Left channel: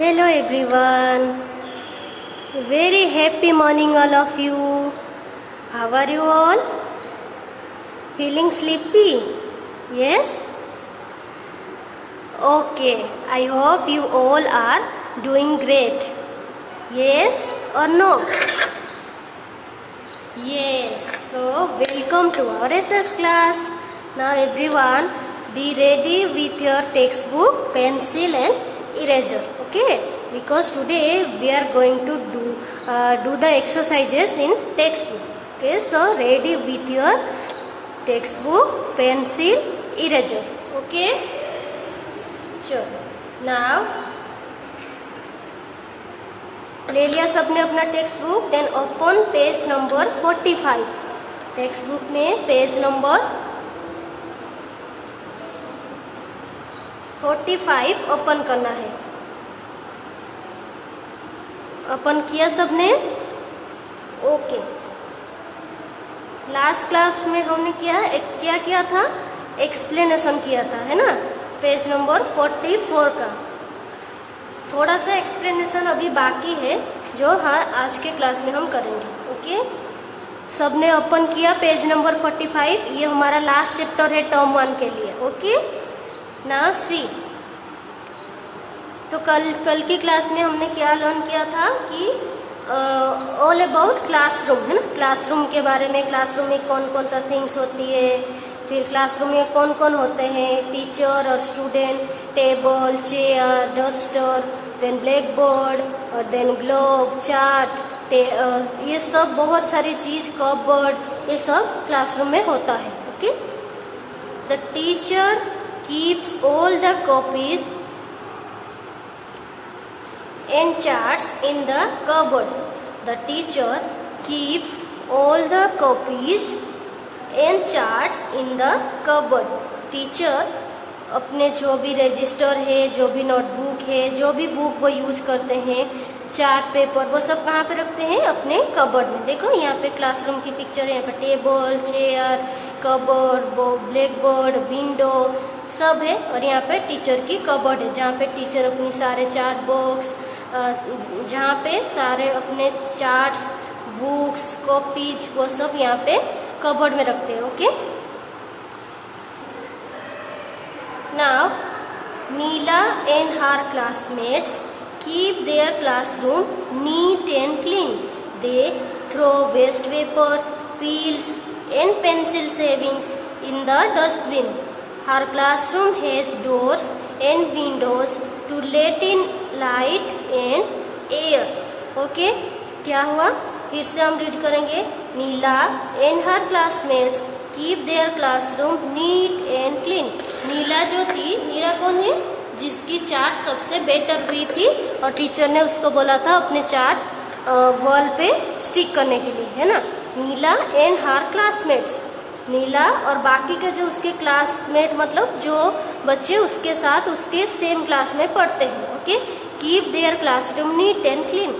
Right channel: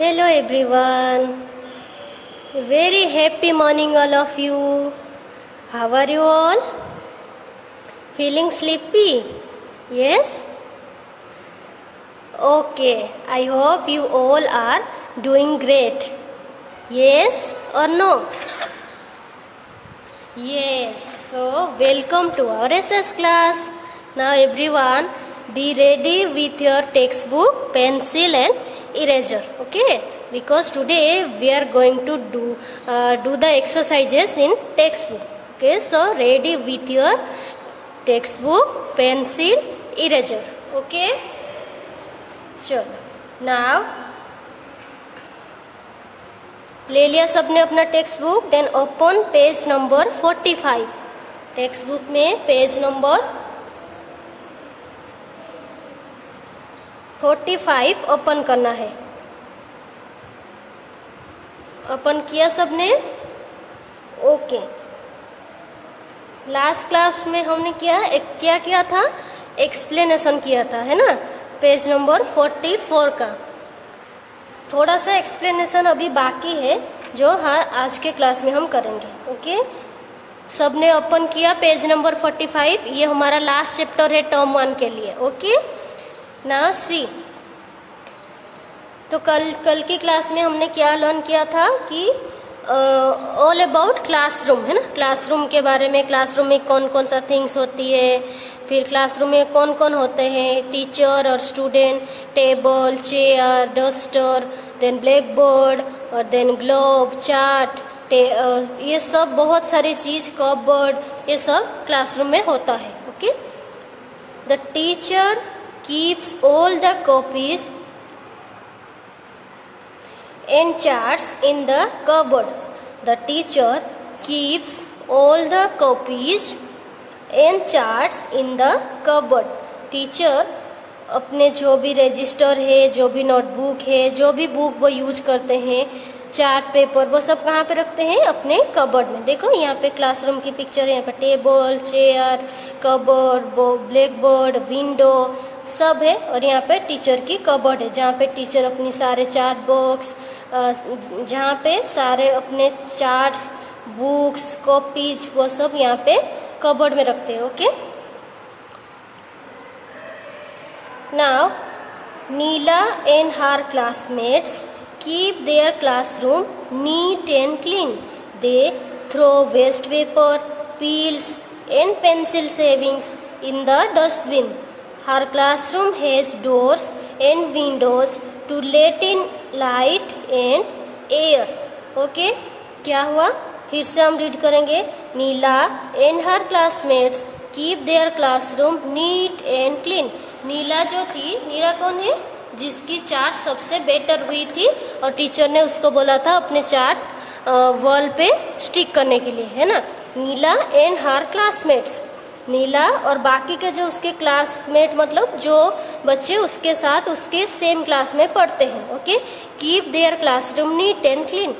Hello everyone. Very happy morning all of you. How are you all? Feeling sleepy? Yes? Okay. I hope you all are doing great. Yes or no? Yes. So welcome to our SS class. Now everyone be ready with your textbook, pencil and eraser. Okay, because today we are going to do the exercises in textbook. Okay, so ready with your textbook, pencil, eraser. Okay, so now ले लिया सबने अपना text book. Then open page number 45. Text book में page number 45 open करना है. Open किया सबने? Okay. Last class में हमने क्या किया था? एक्सप्लेनेशन किया था, है ना, पेज नंबर 44 का. थोड़ा सा एक्सप्लेनेशन अभी बाकी है जो आज के क्लास में हम करेंगे. ओके, सबने ओपन किया पेज नंबर 45. ये हमारा लास्ट चैप्टर है टर्म 1 के लिए. Okay, now see. तो कल की क्लास में हमने क्या लर्न किया था कि ऑल अबाउट क्लासरूम, है ना, क्लासरूम के बारे में. क्लासरूम में कौन कौन सा थिंग्स होती है, फिर क्लासरूम में कौन कौन होते हैं, टीचर और student, table, chair, duster, then black board और देन ग्लोब, चार्ट, ये सब बहुत सारी चीज, कपबोर्ड, ये सब क्लासरूम में होता है. Okay, the teacher keeps all the copies and charts in the cupboard. The teacher keeps all the copies and charts in the cupboard. Teacher अपने जो भी रजिस्टर है, जो भी नोटबुक है, जो भी बुक वो यूज करते हैं, चार्ट पेपर, वो सब कहाँ पे रखते हैं? अपने कबर्ड में. देखो यहाँ पे क्लासरूम की पिक्चर है. यहाँ पे table, chair, cupboard, black board, window सब है. और यहाँ पे टीचर की कबर्ड है जहाँ पे टीचर अपनी सारे चार्ट बॉक्स, जहाँ पे सारे अपने चार्ट्स, बुक्स, कॉपीज, वो सब यहाँ पे कबर्ड में रखते हैं. Okay, now Neela and her classmates keep their classroom neat and clean. They throw waste paper, peels and pencil savings in the dustbin. Her classroom has doors and windows to let in light and air. Okay, क्या हुआ? फिर से हम read करेंगे. नीला and her classmates keep their classroom neat and clean. नीला जो थी, नीला कौन है? जिसकी चार्ट सबसे बेटर हुई थी और टीचर ने उसको बोला था अपने चार्ट वॉल पे स्टिक करने के लिए, है ना. नीला एंड हर क्लासमेट्स, नीला और बाकी के जो उसके क्लासमेट, मतलब जो बच्चे उसके साथ उसके सेम क्लास में पढ़ते हैं. Okay, keep their classroom neat and clean.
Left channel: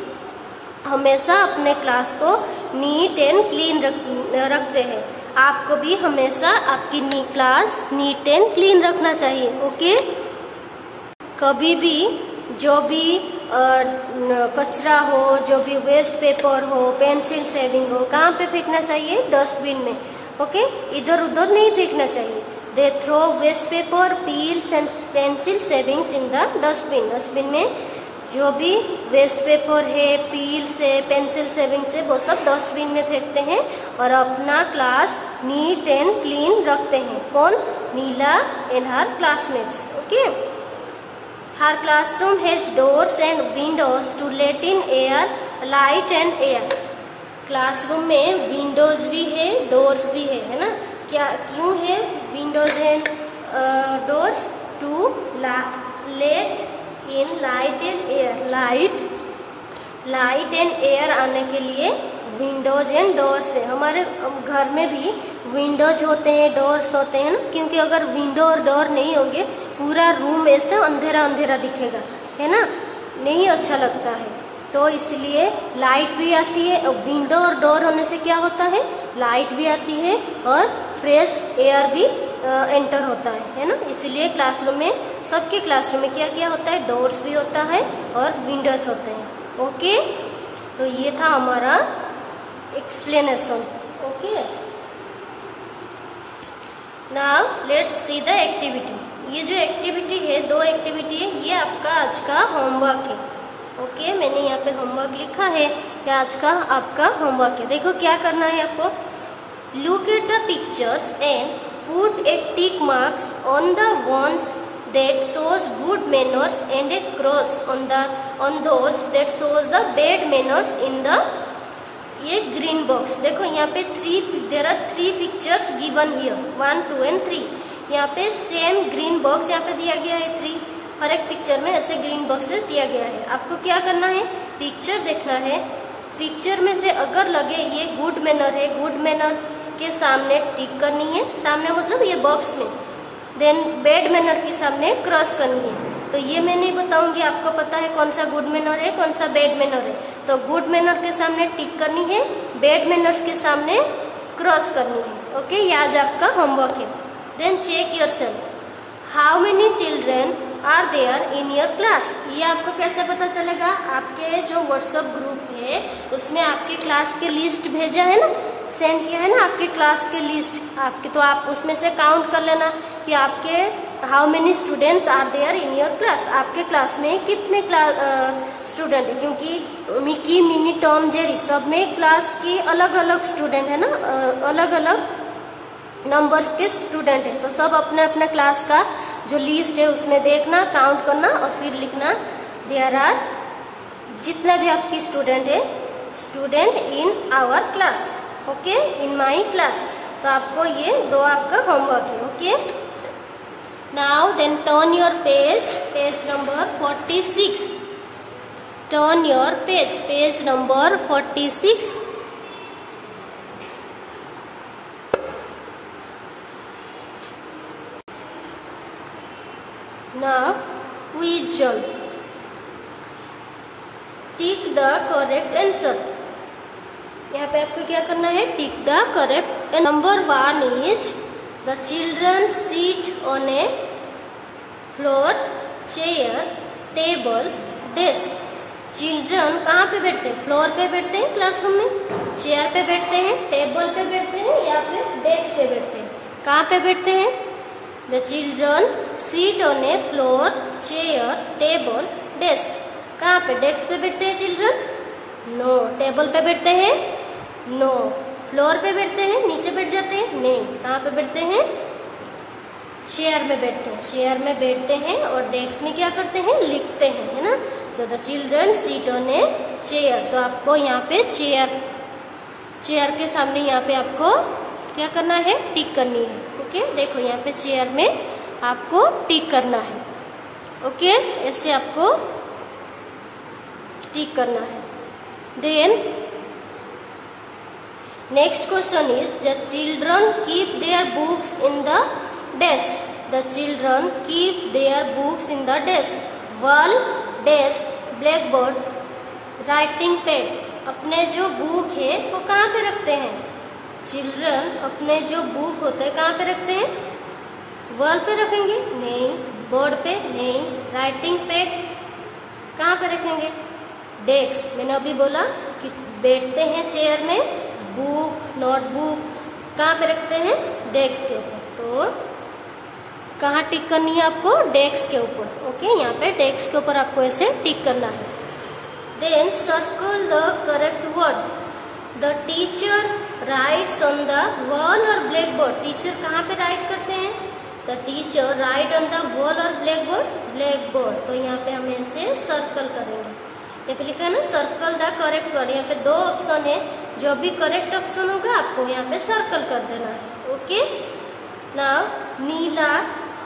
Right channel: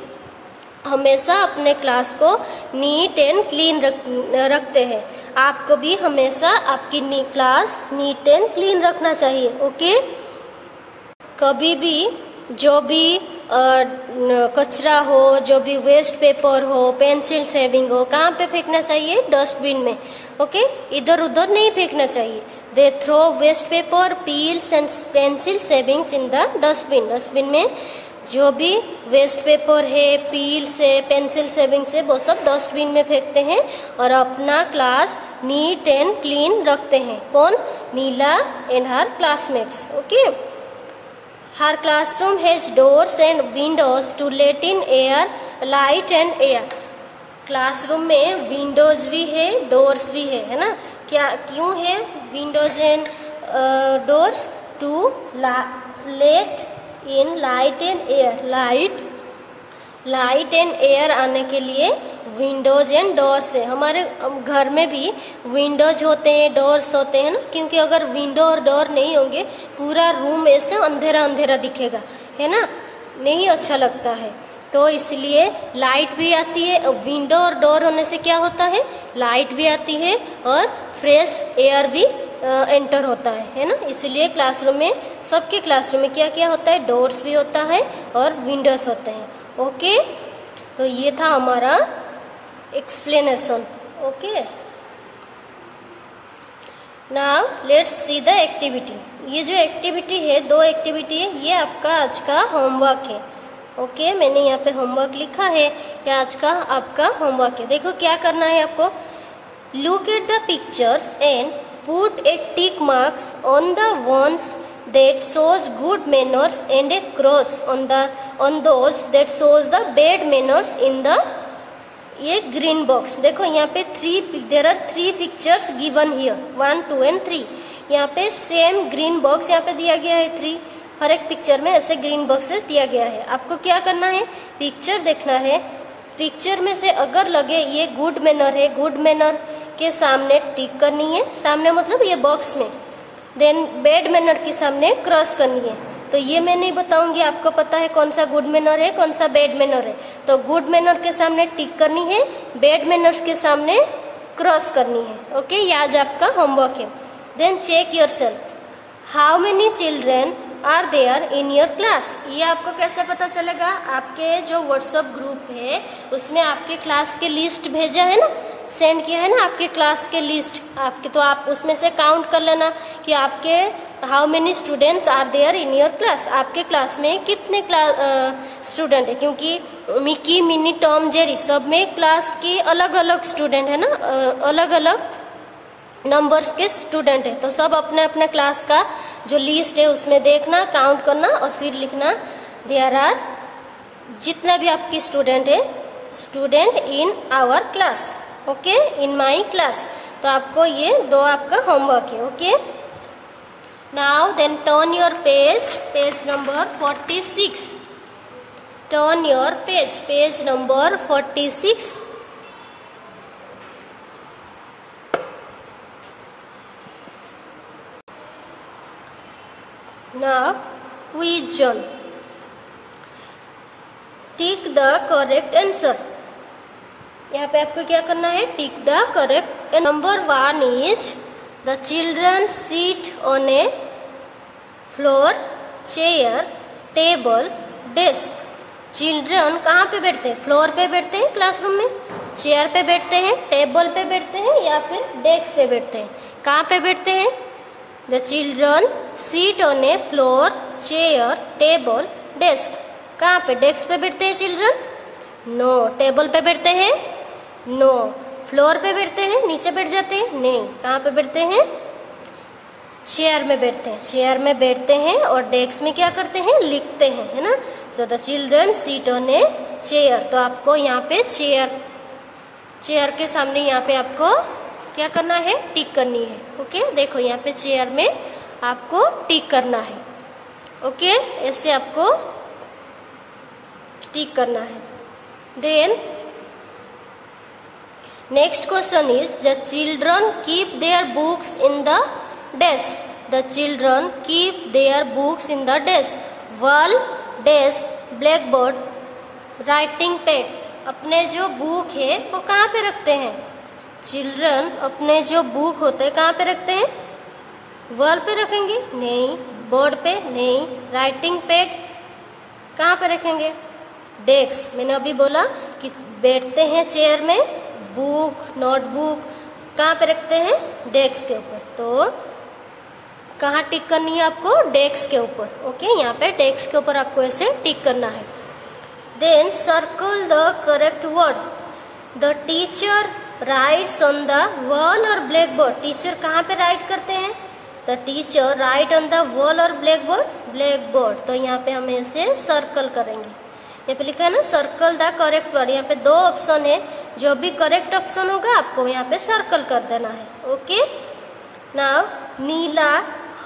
हमेशा अपने क्लास को नीट एंड क्लीन रखते हैं. आपको भी हमेशा आपकी क्लास नीट एंड क्लीन रखना चाहिए. ओके, कभी भी जो भी कचरा हो, जो भी वेस्ट पेपर हो, पेंसिल सेविंग हो, कहाँ पे फेंकना चाहिए? डस्टबिन में. ओके, इधर उधर नहीं फेंकना चाहिए. They throw waste paper, peels and pencil shavings in the dustbin. Dustbin में जो भी वेस्ट पेपर है, पील्स है, पेंसिल सेविंग्स है, वो सब डस्टबिन में फेंकते हैं और अपना क्लास नीट एंड क्लीन रखते हैं. कौन? Neela and her classmates. Okay, हर classroom has doors and windows to let in air, light and air. Classroom में विंडोज भी है, डोर्स भी है ना. क्यों है windows and doors? To let in light and air. Light and air आने के लिए विंडोज एंड डोर्स है. हमारे घर में भी विंडोज होते हैं, डोर्स होते हैं ना, क्योंकि अगर विंडो और डोर नहीं होंगे पूरा रूम ऐसा अंधेरा अंधेरा दिखेगा, है ना, नहीं अच्छा लगता है. तो इसलिए लाइट भी आती है. विंडो और डोर होने से क्या होता है? लाइट भी आती है और फ्रेश एयर भी एंटर होता है ना। इसलिए क्लासरूम में, सबके क्लासरूम में क्या क्या होता है, डोर्स भी होता है और विंडोज होते हैं। ओके, तो ये था हमारा explanation. Okay, now let's see the activity. ये जो एक्टिविटी है, 2 एक्टिविटी है, ये आपका आज का होमवर्क है। ओके, मैंने यहाँ पे होमवर्क लिखा है, ये आज का आपका होमवर्क है। देखो क्या करना है आपको, look at the pictures and put A tick marks on the ones that shows good manners and a cross on those that shows the bad manners in the ये ग्रीन बॉक्स। देखो यहाँ पे there are 3 pictures given here, 1, 2 and 3। यहाँ पे same green box यहाँ पे दिया गया है 3, हर एक पिक्चर में ऐसे ग्रीन बॉक्सेस दिया गया है। आपको क्या करना है, पिक्चर देखना है, पिक्चर में से अगर लगे ये गुड मैनर है, गुड मैनर के सामने टिक करनी है, सामने मतलब ये बॉक्स में, देन बैड मैनर के सामने क्रॉस करनी है। तो ये मैं नहीं बताऊंगी, आपको पता है कौन सा गुड मैनर है, कौन सा बैड मैनर है। तो गुड मैनर के सामने टिक करनी है, बैड मैनर्स के सामने क्रॉस करनी है। ओके, ये आज आपका होमवर्क है। Then check yourself, how many children are there in your class. ये आपको कैसे पता चलेगा, आपके जो व्हाट्सएप ग्रुप है उसमें आपके क्लास के लिस्ट भेजा है ना, सेंड किया है ना आपके क्लास के लिस्ट आपके, तो आप उसमें से काउंट कर लेना कि आपके how many students are there in your class, आपके क्लास में कितने स्टूडेंट है। क्योंकि मिकी, मिनी, टॉम, जेरी सब में क्लास की अलग अलग स्टूडेंट है ना, अलग अलग नंबर्स के स्टूडेंट है। तो सब अपने अपने क्लास का जो लिस्ट है उसमें देखना, काउंट करना और फिर लिखना देयर आर, जितने भी आपकी स्टूडेंट है, student in our class. Okay, in my class. तो आपको ये 2 आपका होमवर्क है। Okay, now then turn your page number 46। Turn your page number 46। Now quiz, tick the correct answer. यहाँ पे आपको क्या करना है, tick the correct. Number 1 is the children seat on a floor, chair, table, desk. Children कहाँ पे बैठते हैं, फ्लोर पे बैठते हैं क्लासरूम में, चेयर पे बैठते हैं, टेबल पे बैठते हैं या फिर डेस्क पे बैठते हैं। कहाँ पे बैठते हैं, the children seat on a floor, chair, table, desk. कहाँ पे, डेस्क पे बैठते हैं चिल्ड्रन? नो। टेबल पे बैठते हैं? नो। फ्लोर पे बैठते हैं, नीचे बैठ जाते हैं? नहीं। कहाँ पे बैठते हैं, चेयर में बैठते हैं, चेयर में बैठते हैं और डेस्क में क्या करते हैं, लिखते हैं, है ना। So the children seat on a chair. तो आपको यहाँ पे चेयर के सामने यहाँ पे आपको क्या करना है, टिक करनी है। ओके, देखो यहाँ पे चेयर में आपको टिक करना है। ओके, ऐसे आपको टिक करना है। Then next question is the children keep their books in the desk. The children keep their books in the desk. Wall, desk, black board, writing pad. अपने जो बुक है वो कहाँ पे रखते हैं चिल्ड्रन? अपने जो बुक होते हैं कहाँ पे रखते हैं? वॉल पे रखेंगे? नहीं। बोर्ड पे? नहीं। राइटिंग पैड कहाँ पे रखेंगे? डेस्क। मैंने अभी बोला कि बैठते हैं चेयर में, बुक, नोटबुक कहाँ पे रखते हैं? डेस्क के ऊपर। तो कहाँ टिक करनी है आपको? डेस्क के ऊपर। ओके, यहाँ पे डेस्क के ऊपर आपको ऐसे टिक करना है। Then circle the correct word. The teacher writes on the wall और ब्लैक बोर्ड। टीचर कहाँ पे राइट करते हैं? The teacher write on the wall और ब्लैक बोर्ड, ब्लैक बोर्ड। तो यहाँ पे हम ऐसे सर्कल करेंगे। यहाँ पे लिखा है ना सर्कल द करेक्ट वर्ड। यहाँ पे 2 ऑप्शन है, जो भी करेक्ट ऑप्शन होगा आपको यहाँ पे सर्कल कर देना है। Okay, now Neela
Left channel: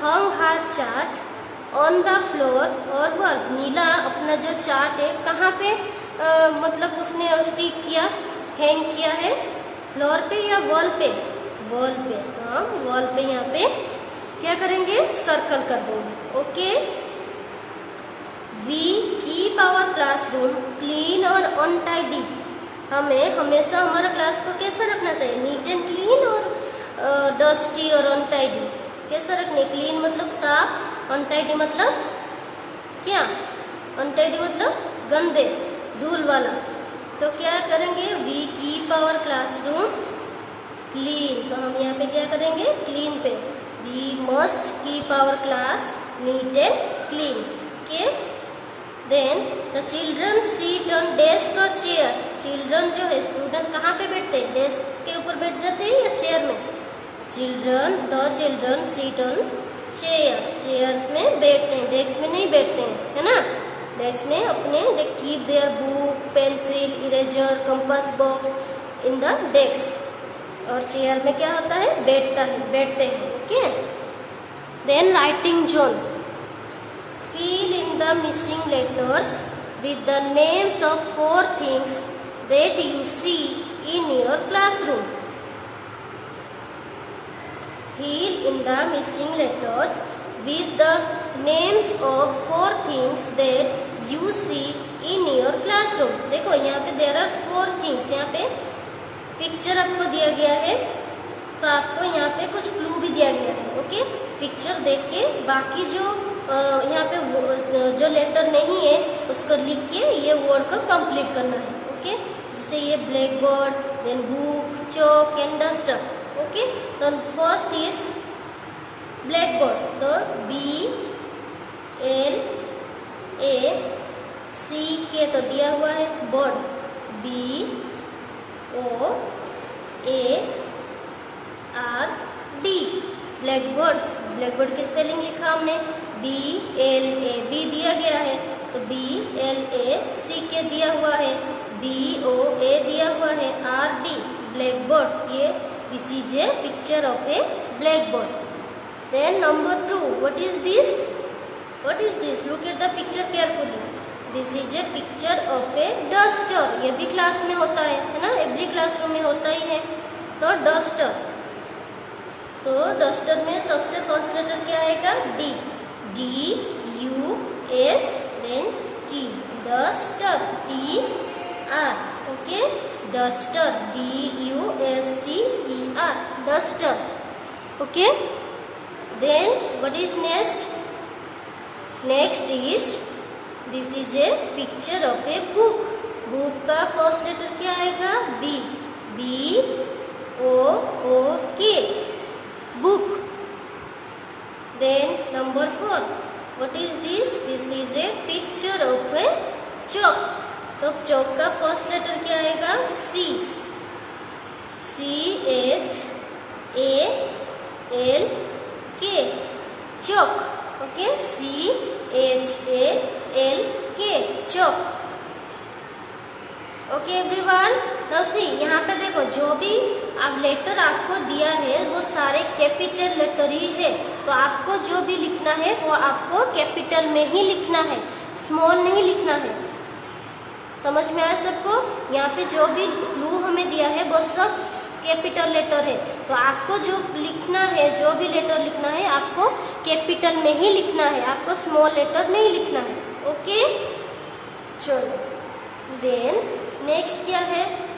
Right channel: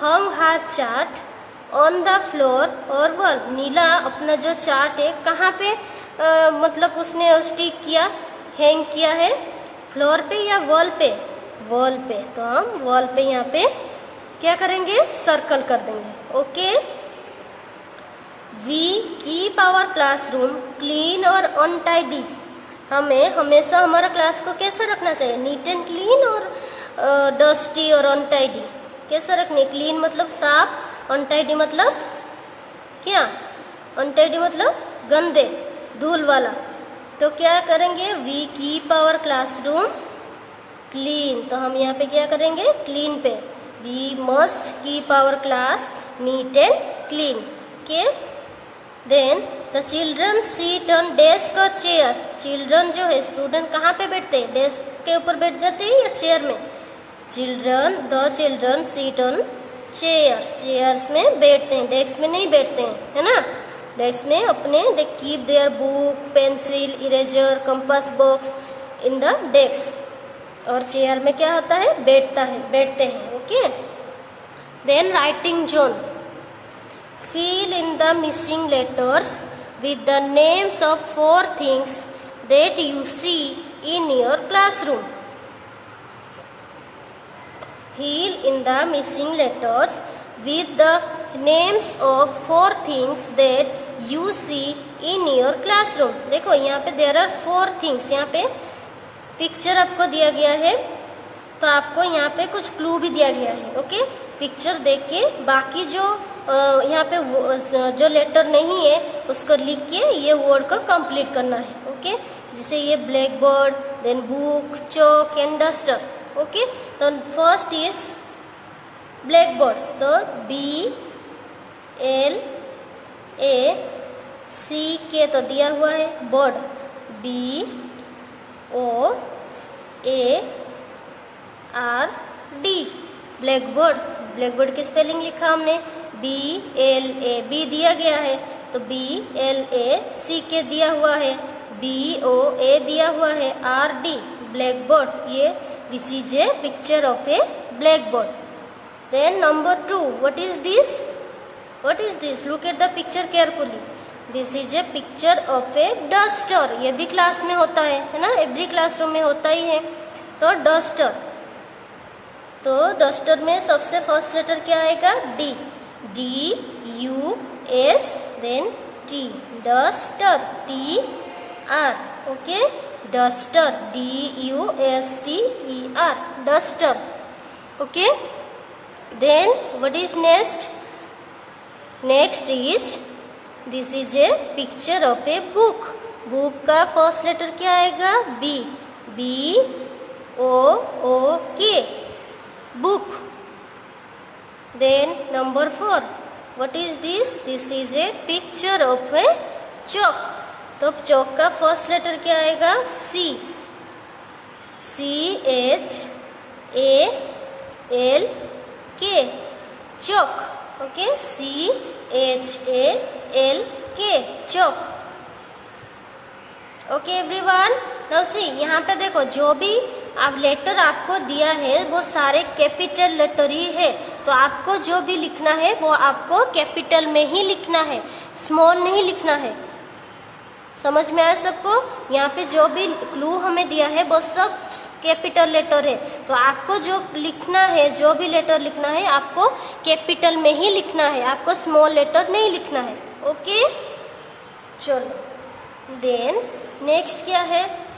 hung her chart on the floor और वॉल। नीला अपना जो चार्ट है कहाँ पे मतलब उसने स्टिक किया, हैंग किया है? फ्लोर पे या वॉल पे? वॉल पे। तो हम वॉल पे यहाँ पे क्या करेंगे? सर्कल कर देंगे। Okay, we keep our classroom clean और अनटाइडी। हमें हमेशा हमारा क्लास को कैसे रखना चाहिए? नीट एंड क्लीन और डस्टी और अनटाइडी। कैसा रखने, क्लीन मतलब साफ, अनटाइडी मतलब क्या, अनटाइडी मतलब गंदे, धूल वाला। तो क्या करेंगे, we keep our classroom clean. तो हम यहाँ पे क्या करेंगे, क्लीन पे, we must keep our class neat and clean. Okay, then the children seat on desk और चेयर। चिल्ड्रन जो है, स्टूडेंट कहाँ पे बैठते हैं, डेस्क के ऊपर बैठ जाते हैं या चेयर में। The children seat on chairs, chairs में बैठते हैं, डेस्क में नहीं बैठते हैं, है ना। डेस्क में अपने they keep their book, pencil, eraser, compass box in the desk. और चेयर में क्या होता है, बैठते हैं। Okay, then writing zone, fill in the missing letters with the names of 4 things that you see in your classroom. Fill in the missing letters with the names of 4 things that you see in your classroom. देखो यहाँ पे there are 4 things, यहाँ पे picture आपको दिया गया है, तो आपको यहाँ पे कुछ क्लू भी दिया गया है। ओके, पिक्चर देख के बाकी जो यहाँ पे जो लेटर नहीं है उसको लिख के ये वर्ड को कंप्लीट करना है। ओके, जैसे ये black board, then book, chalk and duster. Okay, तो फर्स्ट इज ब्लैक बोर्ड, तो BLACK तो दिया हुआ है, board BOARD, black board. Black board की स्पेलिंग लिखा हमने, BLAB दिया गया है, तो BLACK दिया हुआ है, BOA दिया हुआ है, RD ब्लैक बोर्ड। ये this is a picture of a black board. Then number 2, what is this, look at the picture carefully. This is a picture of a duster. ये भी क्लास में होता है ना, एवरी क्लासरूम में होता ही है। तो डस्टर, तो डस्टर में सबसे फर्स्ट लेटर क्या आएगा, DUS, then T, duster, TR। Okay, duster, DUSTER, duster. Okay, then what is next is this is a picture of a book. Book का फर्स्ट लेटर क्या आएगा, BOOK, book. Then number 4, what is this? This is a picture of a chalk. तो chalk का first letter क्या आएगा, CHALK, chalk। Okay, CHALK, chalk। Okay everyone, now see, यहाँ पे देखो जो भी अब लेटर आपको दिया है वो सारे कैपिटल लेटर ही है, तो आपको जो भी लिखना है वो आपको कैपिटल में ही लिखना है, स्मॉल नहीं लिखना है। समझ में आया सबको? यहाँ पे जो भी क्लू हमें दिया है वो सब कैपिटल लेटर है, तो आपको जो लिखना है, जो भी लेटर लिखना है आपको कैपिटल में ही लिखना है, आपको स्मॉल लेटर नहीं लिखना है। ओके, चलो देन नेक्स्ट क्या है,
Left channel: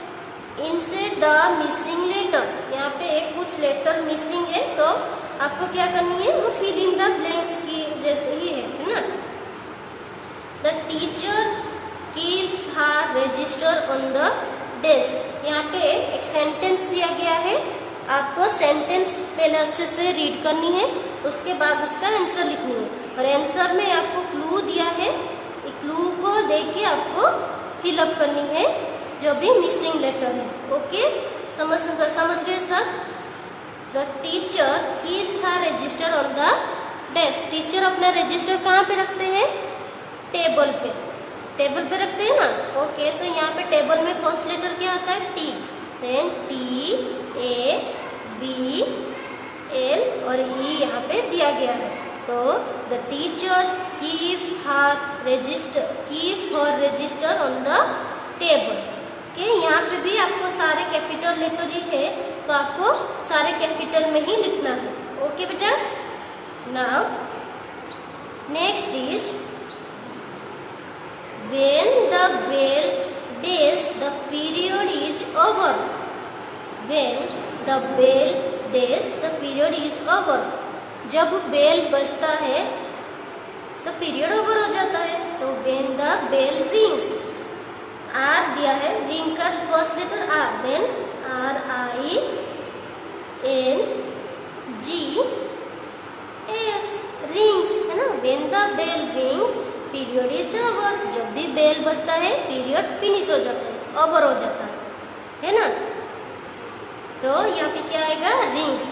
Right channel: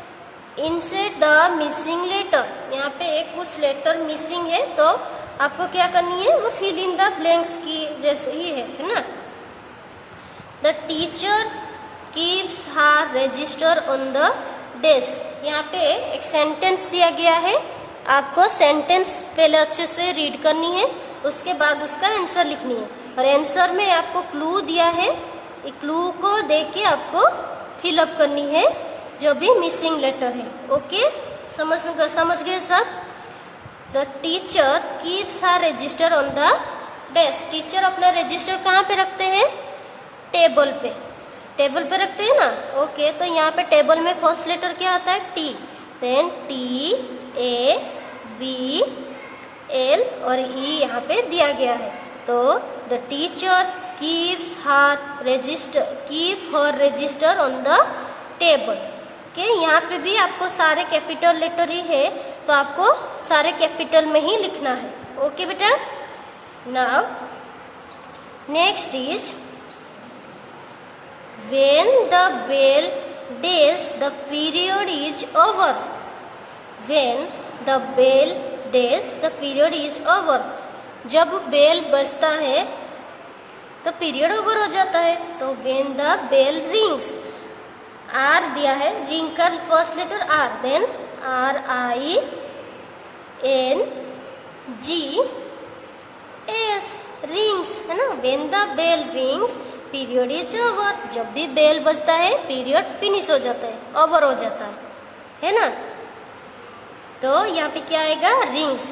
इंसर्ट द मिसिंग लेटर। यहाँ पे कुछ लेटर मिसिंग है, तो आपको क्या करनी है, वो फिल इन द ब्लैंक्स की जैसे ही है ना। The teacher keeps her register on the desk. यहाँ पे एक सेंटेंस दिया गया है, आपको सेंटेंस पहले अच्छे से रीड करनी है, उसके बाद उसका आंसर लिखनी है। और आंसर में आपको क्लू दिया है, क्लू को देख के आपको फिलअप करनी है जो भी मिसिंग लेटर है। ओके, समझ गए सब? The teacher keeps her register on the desk. Teacher अपना रजिस्टर कहाँ पे रखते हैं, टेबल पे रखते हैं ना। ओके, तो यहाँ पे टेबल में फर्स्ट लेटर क्या होता है, T, देन TABL और E यहाँ पे दिया गया है। तो the teacher keeps her register on the table. Okay, यहाँ पे भी आपको सारे कैपिटल लेटर ही है, तो आपको सारे कैपिटल में ही लिखना है। ओके बेटा, now next is when the bell days the period is over. When the bell days the period is over. जब बेल बजता है तो पीरियड ओवर हो जाता है। तो when the bell rings, R दिया है, रिंग का first letter R, then RINGS, rings है ना। When the bell rings period is over, जब भी बेल बजता है पीरियड फिनिश हो जाता है, ओवर हो जाता है ना। तो यहाँ पे क्या आएगा, रिंग्स।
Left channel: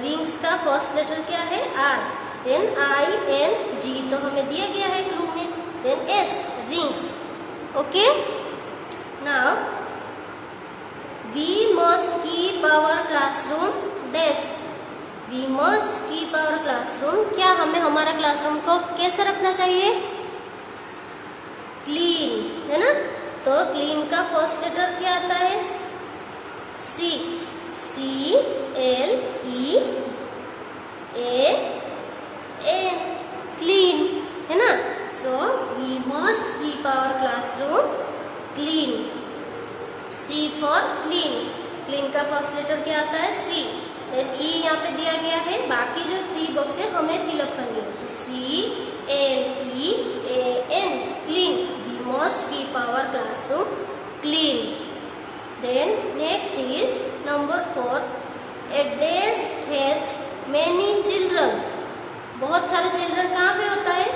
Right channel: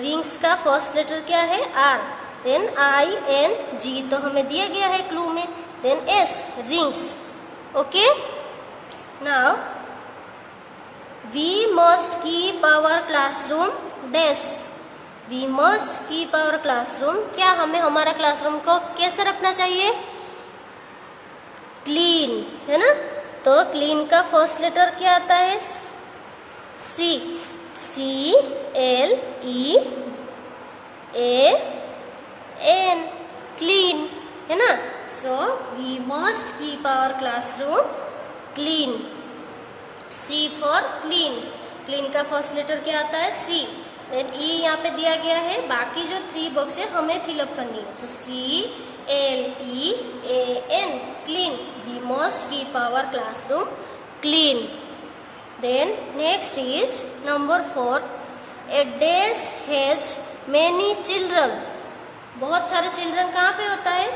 रिंग्स का फर्स्ट लेटर क्या है, आर, देन ING तो हमें दिया गया है क्लू में, then S, rings. Okay, now we must keep our classroom dash, we must keep our classroom, क्या हमें हमारा क्लासरूम को कैसे रखना चाहिए, क्लीन है ना। तो क्लीन का फर्स्ट लेटर क्या आता है, CLEAN, क्लीन है ना। So we must keep our classroom clean, C for clean, clean का फर्स्ट लेटर क्या आता है, C, देन E यहाँ पे दिया गया है, बाकी जो 3 बॉक्स है हमें फिलअप करनी है। तो CLEAN, clean, we must keep our classroom clean. Then next is number 4, a dash has many children, बहुत सारे चिल्ड्रन कहाँ पे होता है,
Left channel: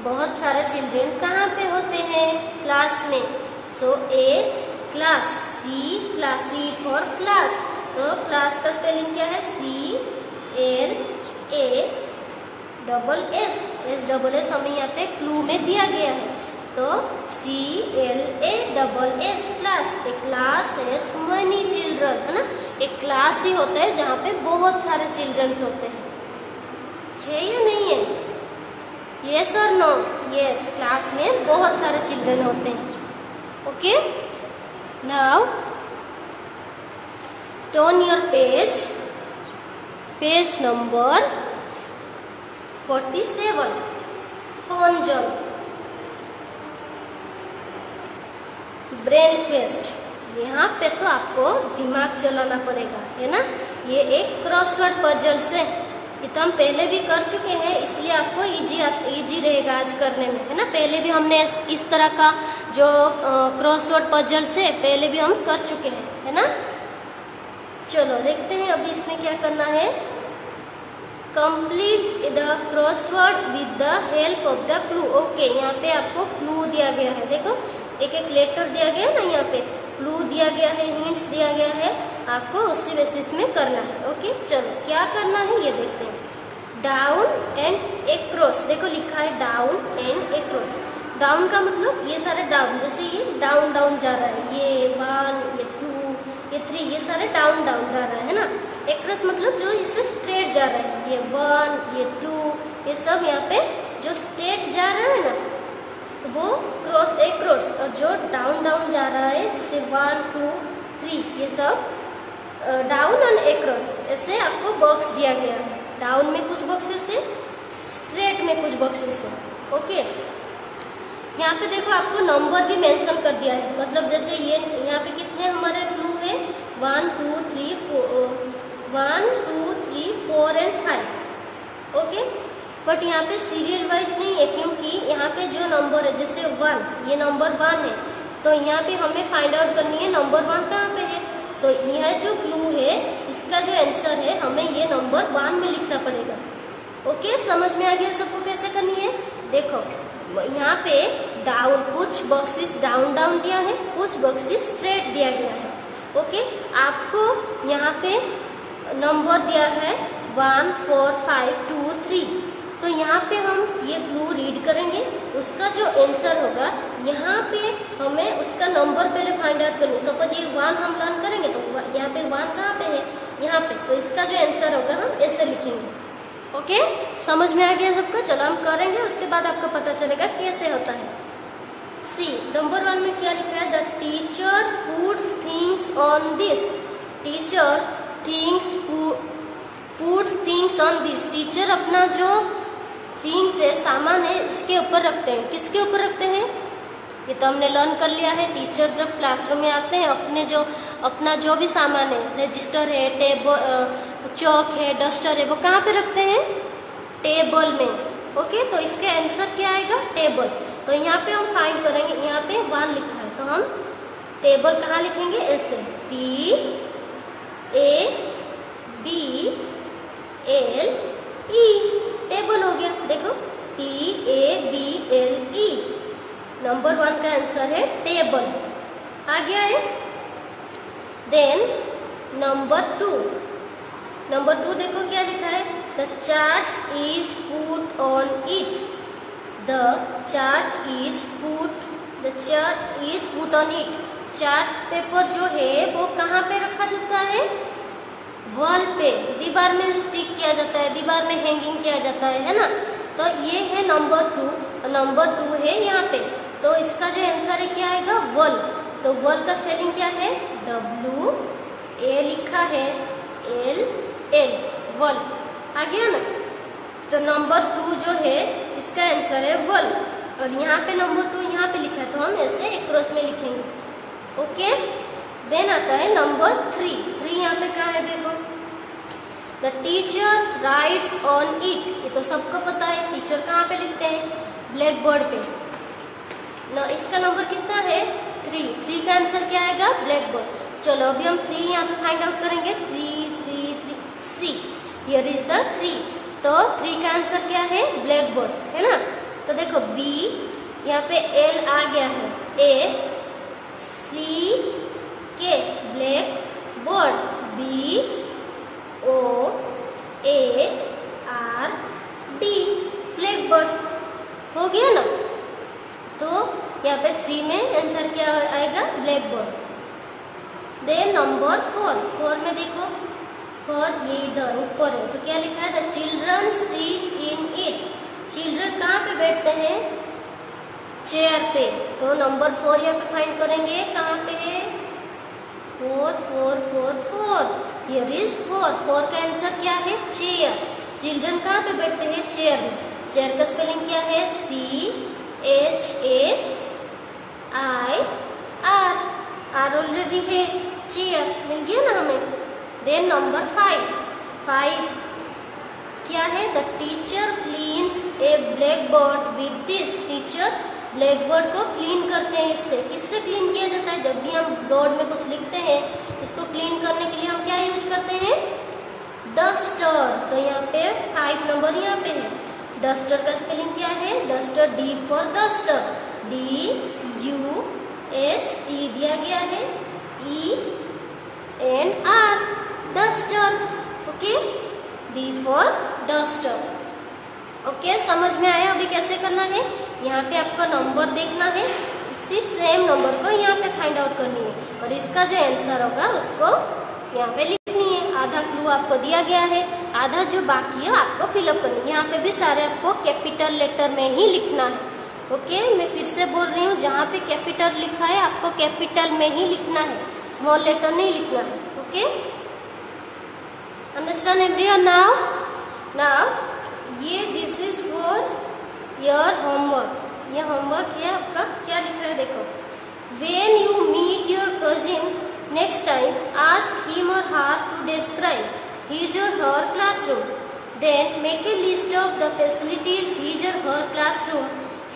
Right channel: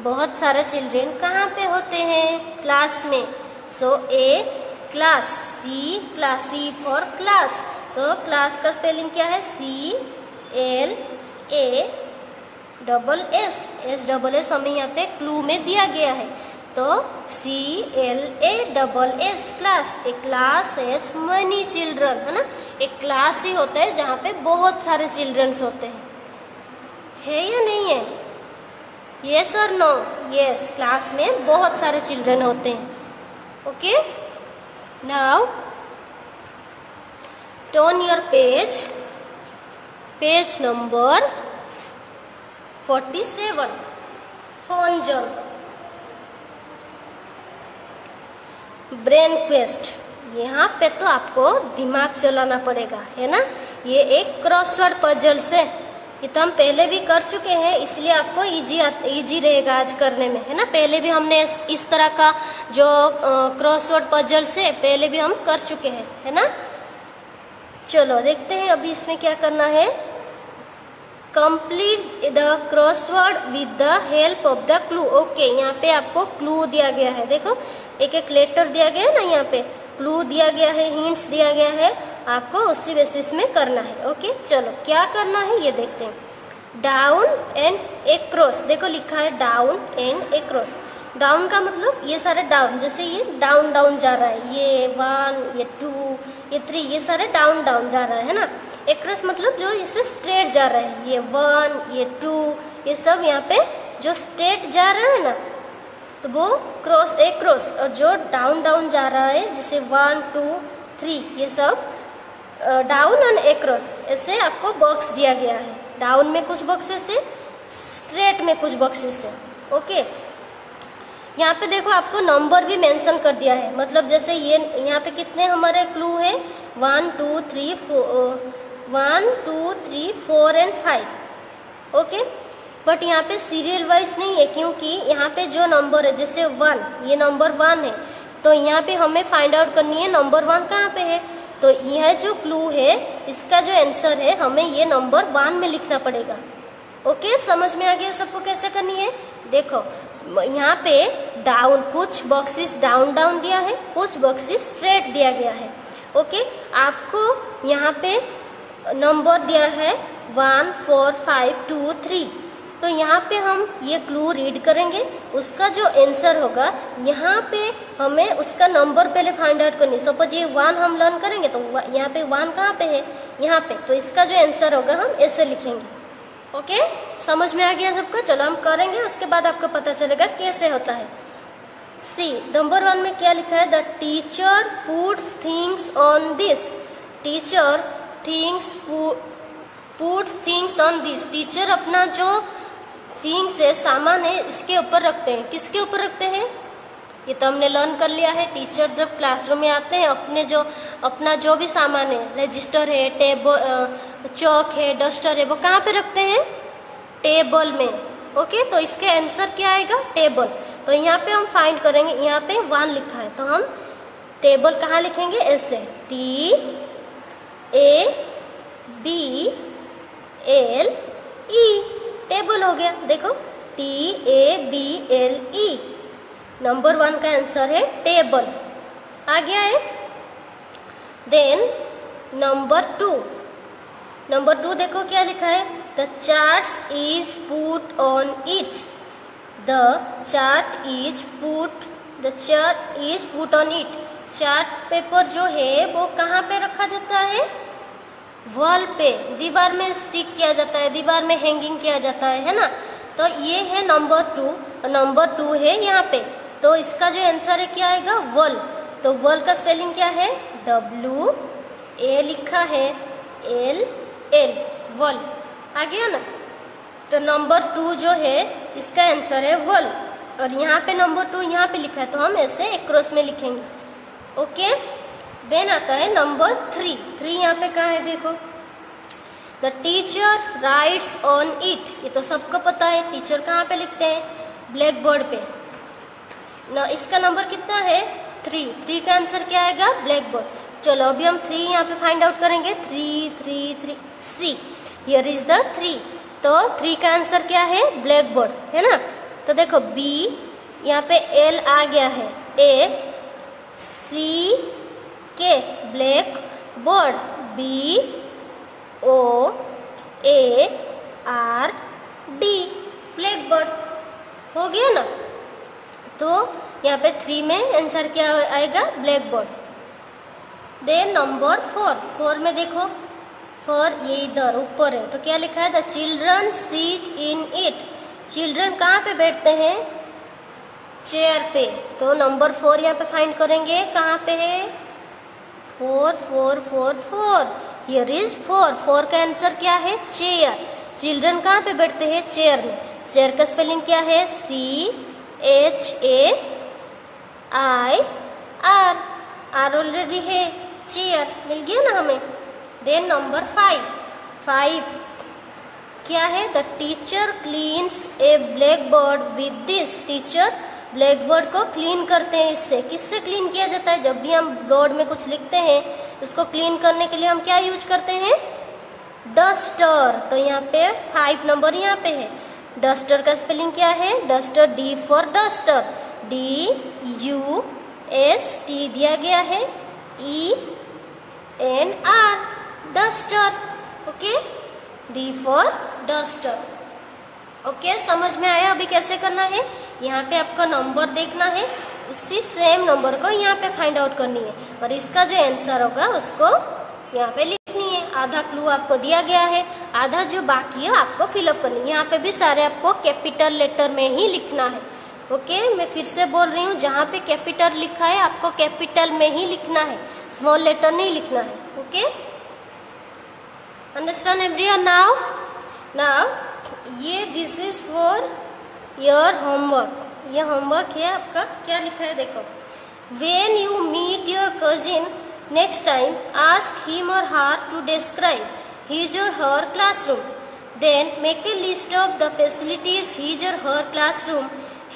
बहुत सारे चिल्ड्रन कहाँ पे होते हैं, क्लास में। सो ए क्लास, C फॉर क्लास, तो क्लास का स्पेलिंग क्या है, CLASS हमें यहाँ पे क्लू में दिया गया है। तो CLASS, class, A class has many children है ना। एक क्लास ही होता है जहाँ पे बहुत सारे चिल्ड्रंस होते हैं, है या नहीं है, यस और नो, यस, क्लास में बहुत सारे चिल्ड्रन होते हैं। Okay, now turn your page number 47, fun jump, brain quest. यहाँ पे तो आपको दिमाग चलाना पड़ेगा है ना। ये एक क्रॉसवर्ड पजल्स है, ये तो हम पहले भी कर चुके हैं, इसलिए आपको इजी रहेगा आज करने में है ना। पहले भी हमने इस तरह का जो क्रॉसवर्ड पजल्स है पहले भी हम कर चुके हैं है ना। चलो देखते हैं अभी इसमें क्या करना है। Complete the crossword with the help of the clue. Okay, यहाँ पे आपको क्लू दिया गया है, देखो एक एक लेटर दिया गया है ना, यहाँ पे क्लू दिया गया है, हिंट्स दिया गया है, आपको उसी बेसिस में करना है। ओके, चलो क्या करना है ये देखते हैं। डाउन एंड एक्रॉस, देखो लिखा है डाउन एंड एक्रॉस। डाउन का मतलब ये सारे डाउन, जैसे ये डाउन डाउन जा रहा है, ये 1, ये 2, ये 3, ये सारे डाउन डाउन जा रहा है ना। एक्रॉस मतलब जो इससे स्ट्रेट जा रहा है, ये 1, ये 2, ये सब यहाँ पे जो स्ट्रेट जा रहा है ना, तो वो क्रॉस एक्रॉस। और जो डाउन डाउन जा रहा है जैसे 1, 2, 3, ये सब डाउन एंड एक्रॉस, ऐसे आपको बॉक्स दिया गया है। डाउन में कुछ बॉक्सेस है, स्ट्रेट में कुछ बॉक्सेस है। ओके, यहाँ पे देखो आपको नंबर भी मेंशन कर दिया है, मतलब जैसे ये यहाँ पे कितने हमारे क्लू है, 1, 2, 3, 4 एंड 5। ओके, बट यहाँ पे सीरियल वाइज नहीं है, क्योंकि यहाँ पे जो नंबर है जैसे 1, ये नंबर 1 है, तो यहाँ पे हमें फाइंड आउट करनी है नंबर 1 कहाँ पे है। तो यह जो क्लू है इसका जो आंसर है हमें ये नंबर 1 में लिखना पड़ेगा। ओके, समझ में आ गया सबको कैसे करनी है। देखो यहाँ पे डाउन, कुछ बॉक्सेस डाउन डाउन दिया है, कुछ बॉक्सेस स्ट्रेट दिया गया है। ओके, आपको यहाँ पे नंबर दिया है 1, 4, 5, 2, 3। तो यहाँ पे हम ये क्लू रीड करेंगे, उसका जो आंसर होगा यहाँ पे हमें उसका नंबर पहले फाइंड आउट करनी। सपोज ये 1 हम लर्न करेंगे तो यहाँ पे 1 कहाँ पे है, यहाँ पे, तो इसका जो आंसर होगा हम ऐसे लिखेंगे। ओके, समझ में आ गया सबको। चलो हम करेंगे, उसके बाद आपको पता चलेगा कैसे होता है। सी नंबर 1 में क्या लिखा है, the teacher puts things on this, teacher puts things on this, teacher अपना जो थिंग्स है, सामान है, इसके ऊपर रखते हैं। किसके ऊपर रखते हैं, ये तो हमने लर्न कर लिया है। टीचर जब क्लासरूम में आते हैं अपने जो अपना जो भी सामान है, रजिस्टर है, टेबल, चौक है, डस्टर है, वो कहाँ पे रखते हैं? टेबल में। ओके, तो इसका आंसर क्या आएगा? टेबल। तो यहाँ पे हम फाइंड करेंगे, यहाँ पे 1 लिखा है तो हम टेबल कहाँ लिखेंगे? ऐसे TABLE, टेबल हो गया। देखो TABLE, नंबर 1 का आंसर है टेबल। आ गया है। देन नंबर 2 देखो क्या लिखा है? The chart is put on it. The chart is put on it. Chart paper जो है वो कहाँ पे रखा जाता है? वॉल पे, दीवार में स्टिक किया जाता है, दीवार में हैंगिंग किया जाता है ना। तो ये है नंबर 2 है यहाँ पे। तो इसका जो आंसर है क्या आएगा? वॉल। तो वॉल का स्पेलिंग क्या है? WA लिखा है, LL, वॉल। आ गया ना। तो नंबर 2 जो है इसका आंसर है वॉल। और यहाँ पे नंबर 2 यहाँ पे लिखा है तो हम ऐसे एक क्रॉस में लिखेंगे। ओके, देन आता है नंबर 3 यहाँ पे कहाँ है? देखो, the teacher writes on it. ये तो सबको पता है, टीचर कहाँ पे लिखते हैं? ब्लैक बोर्ड पे ना। इसका नंबर कितना है? 3 का आंसर क्या आएगा? Black board. चलो अभी हम 3 यहाँ पे फाइंड आउट करेंगे। 3 C, हियर इज द 3। तो 3 का आंसर क्या है? ब्लैक बोर्ड, है ना। तो देखो B, यहाँ पे L आ गया है, ACK, black board, BOARD, black board. हो गया ना। तो यहाँ पे 3 में आंसर क्या आएगा? Black board. देन नंबर 4 में देखो, 4 ये इधर ऊपर है तो क्या लिखा है? The children seat in it. Children कहाँ पे बैठते हैं? चेयर पे। तो नंबर 4 यहाँ पे फाइंड करेंगे, कहाँ पे है? 4 हियर इज 4 का आंसर क्या है? चेयर। चिल्ड्रन कहाँ पे बैठते हैं? चेयर में। चेयर का स्पेलिंग क्या है? CHAIR, R ऑलरेडी है, चेयर मिल गया ना हमें। देन नंबर 5 क्या है? The teacher cleans A black board with this. Teacher black board को क्लीन करते हैं इससे। किससे क्लीन किया जाता है? जब भी हम बोर्ड में कुछ लिखते हैं उसको क्लीन करने के लिए हम क्या यूज करते हैं? डस्टर। तो यहाँ पे 5 नंबर यहाँ पे है। डस्टर का स्पेलिंग क्या है? Duster, D for duster, DUST दिया गया है, ENR, duster. Okay, D for duster. Okay, समझ में आया? अभी कैसे करना है? यहाँ पे आपको नंबर देखना है, इसी सेम नंबर को यहाँ पे फाइंड आउट करनी है और इसका जो आंसर होगा उसको यहाँ पे लिखनी है। आधा क्लू आपको दिया गया है, आधा जो बाकी है आपको फिलअप करनी है। यहाँ पे भी सारे आपको कैपिटल लेटर में ही लिखना है। ओके, मैं फिर से बोल रही हूँ, जहाँ पे कैपिटल लिखा है आपको कैपिटल में ही लिखना है, स्मॉल लेटर नहीं लिखना है। Okay, understand everyone? नाउ ये this is for your homework. ये होमवर्क है आपका। क्या लिखा है देखो, when you meet your cousin next time ask him or her to describe his or her classroom, then make a list of the facilities his or her classroom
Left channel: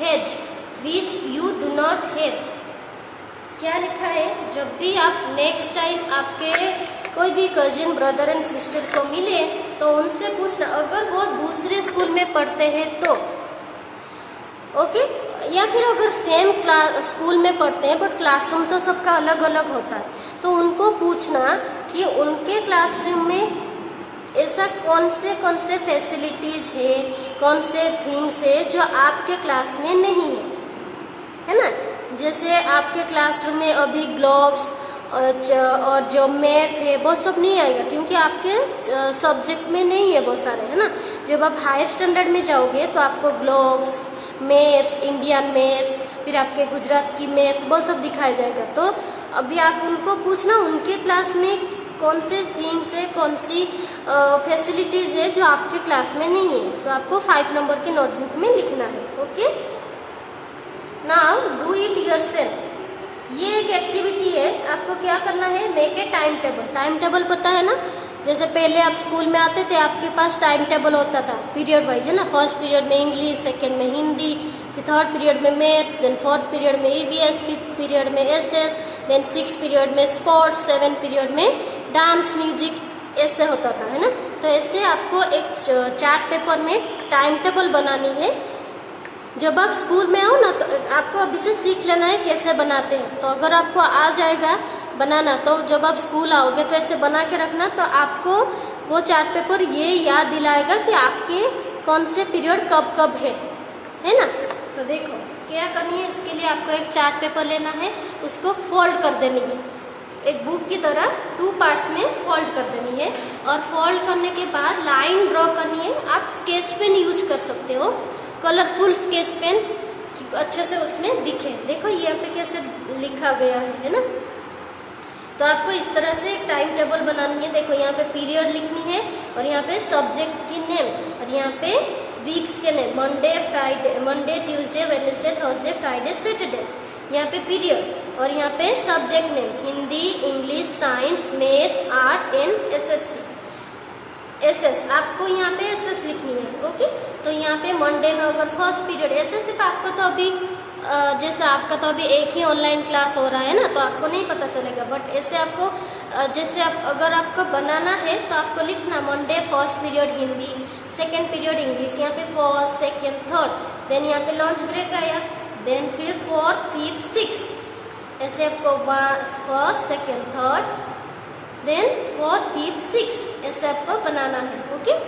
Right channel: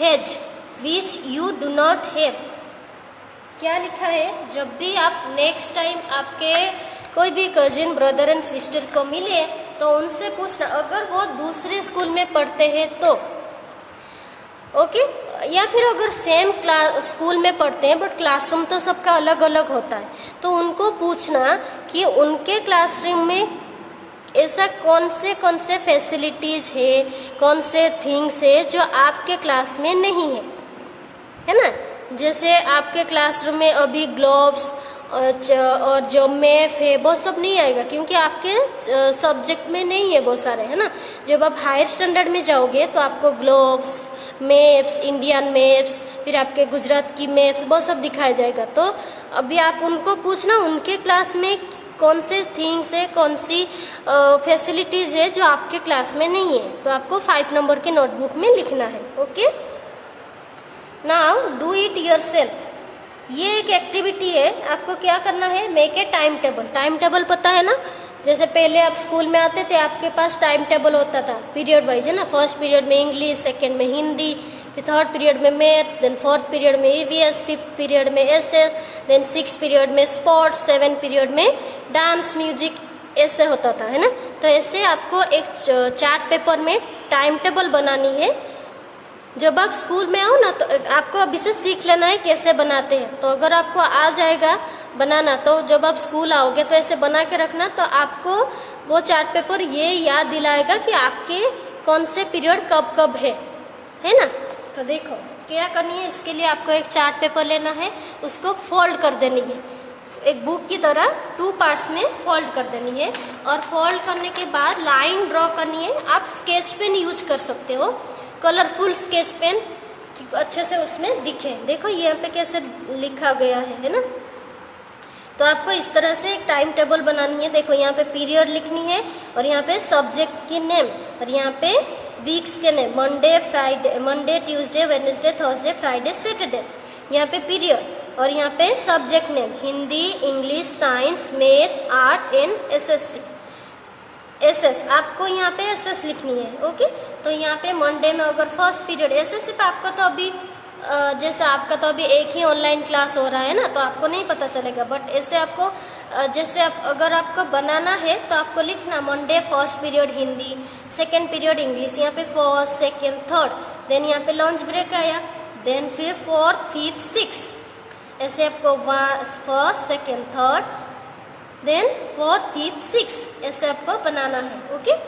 has which you do not have. क्या लिखा है? जब भी आप next time आपके कोई भी cousin brother and sister को मिले तो उनसे पूछना, अगर वो दूसरे स्कूल में पढ़ते हैं तो, ओके, या फिर अगर सेम स्कूल में पढ़ते हैं बट क्लासरूम तो सबका अलग अलग होता है, तो उनको पूछना कि उनके क्लासरूम में ऐसा कौन से फैसिलिटीज है, कौन से थिंग्स है जो आपके क्लास में नहीं है ना। जैसे आपके क्लासरूम में अभी ग्लोव्स और जो मैप है वो सब नहीं आएगा क्योंकि आपके सब्जेक्ट में नहीं है वो सारे, है ना। जब आप हायर स्टैंडर्ड में जाओगे तो आपको ग्लोव्स, मैप्स, इंडियन मैप्स, फिर आपके गुजरात की मैप्स वो सब दिखाया जाएगा। तो अभी आप उनको पूछना उनके क्लास में कौन से थिंग्स है, कौन सी फैसिलिटीज है जो आपके क्लास में नहीं है, तो आपको 5 नंबर के नोटबुक में लिखना है। Okay, now do it yourself. ये एक एक्टिविटी है, आपको क्या करना है, make a time table. Time table पता है ना, जैसे पहले आप स्कूल में आते थे आपके पास टाइम टेबल होता था पीरियड वाइज, है ना। फर्स्ट पीरियड में इंग्लिश, सेकेंड में हिंदी, फिर थर्ड पीरियड में मैथ्स, देन फोर्थ पीरियड में ईवीएस, फिफ्थ पीरियड में एसएस, देन सिक्स पीरियड में स्पोर्ट्स, सेवन पीरियड में डांस, म्यूजिक, ऐसे होता था, है ना। तो ऐसे आपको एक चार्ट पेपर में टाइम टेबल बनानी है। जब आप स्कूल में आओ ना तो आपको अभी से सीख लेना है कैसे बनाते हैं। तो अगर आपको आ जाएगा बनाना तो जब आप स्कूल आओगे तो ऐसे बना के रखना, तो आपको वो चार्ट पेपर ये याद दिलाएगा कि आपके कौन से पीरियड कब कब है ना। तो देखो क्या करनी है, इसके लिए आपको एक चार्ट पेपर लेना है, उसको फोल्ड कर देनी है, एक बुक की तरह टू पार्ट्स में फोल्ड कर देनी है। और फोल्ड करने के बाद लाइन ड्रॉ करनी है। आप स्केच पेन यूज कर सकते हो, कलरफुल स्केच पेन, अच्छे से उसमें दिखे। देखो यहाँ पे कैसे लिखा गया है ना। तो आपको इस तरह से एक टाइम टेबल बनानी है। देखो यहाँ पे पीरियड लिखनी है और यहाँ पे सब्जेक्ट की नेम और यहाँ पे वीक्स के name, Monday, Tuesday, Wednesday, Thursday, Friday, Saturday. यहाँ पे पीरियड और यहाँ पे subject name, Hindi, English, science, math, art and SS. आपको यहाँ पे एसएस लिखनी है, ओके। तो यहाँ पे मंडे में अगर फर्स्ट पीरियड एसएस सिर्फ आपका तो अभी जैसे आपका तो अभी एक ही ऑनलाइन क्लास हो रहा है ना, तो आपको नहीं पता चलेगा। बट ऐसे आपको जैसे अगर आपको बनाना है तो आपको लिखना Monday first period Hindi, second period English, यहाँ पे फर्स्ट, सेकेंड, थर्ड, देन यहाँ पे लंच ब्रेक आया, देन फिर फोर्थ, फिफ्थ, सिक्स, ऐसे आपको first, second, third, then fourth, fifth, six, ऐसे आपको बनाना है, ओके।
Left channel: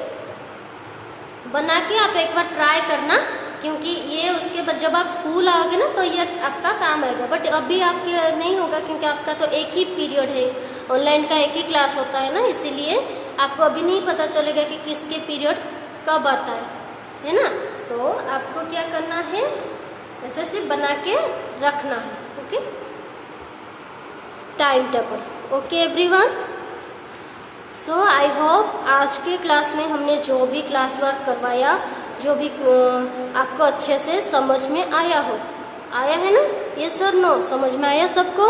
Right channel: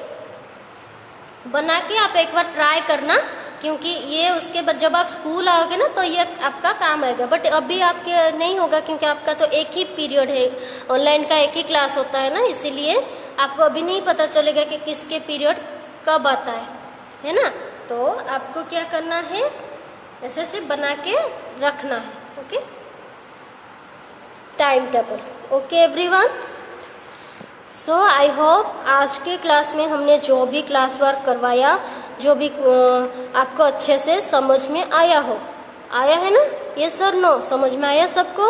बना के आप एक बार ट्राई करना, क्योंकि ये उसके बाद जब आप स्कूल आओगे ना तो ये आपका काम आएगा। बट अभी आपके नहीं होगा क्योंकि आपका तो एक ही पीरियड है, ऑनलाइन का एक ही क्लास होता है ना, इसीलिए आपको अभी नहीं पता चलेगा कि किसके पीरियड कब आता है ना। तो आपको क्या करना है, ऐसे सिर्फ बना के रखना है, okay, time table. Okay everyone, so I hope आज के क्लास में हमने जो भी क्लास वर्क करवाया, जो भी आपको अच्छे से समझ में आया है ना। यस और नो, समझ में आया सबको?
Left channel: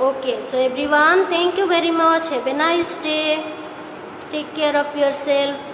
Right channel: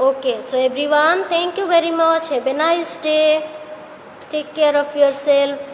Okay, so everyone, thank you very much, have a nice day, take care of yourself.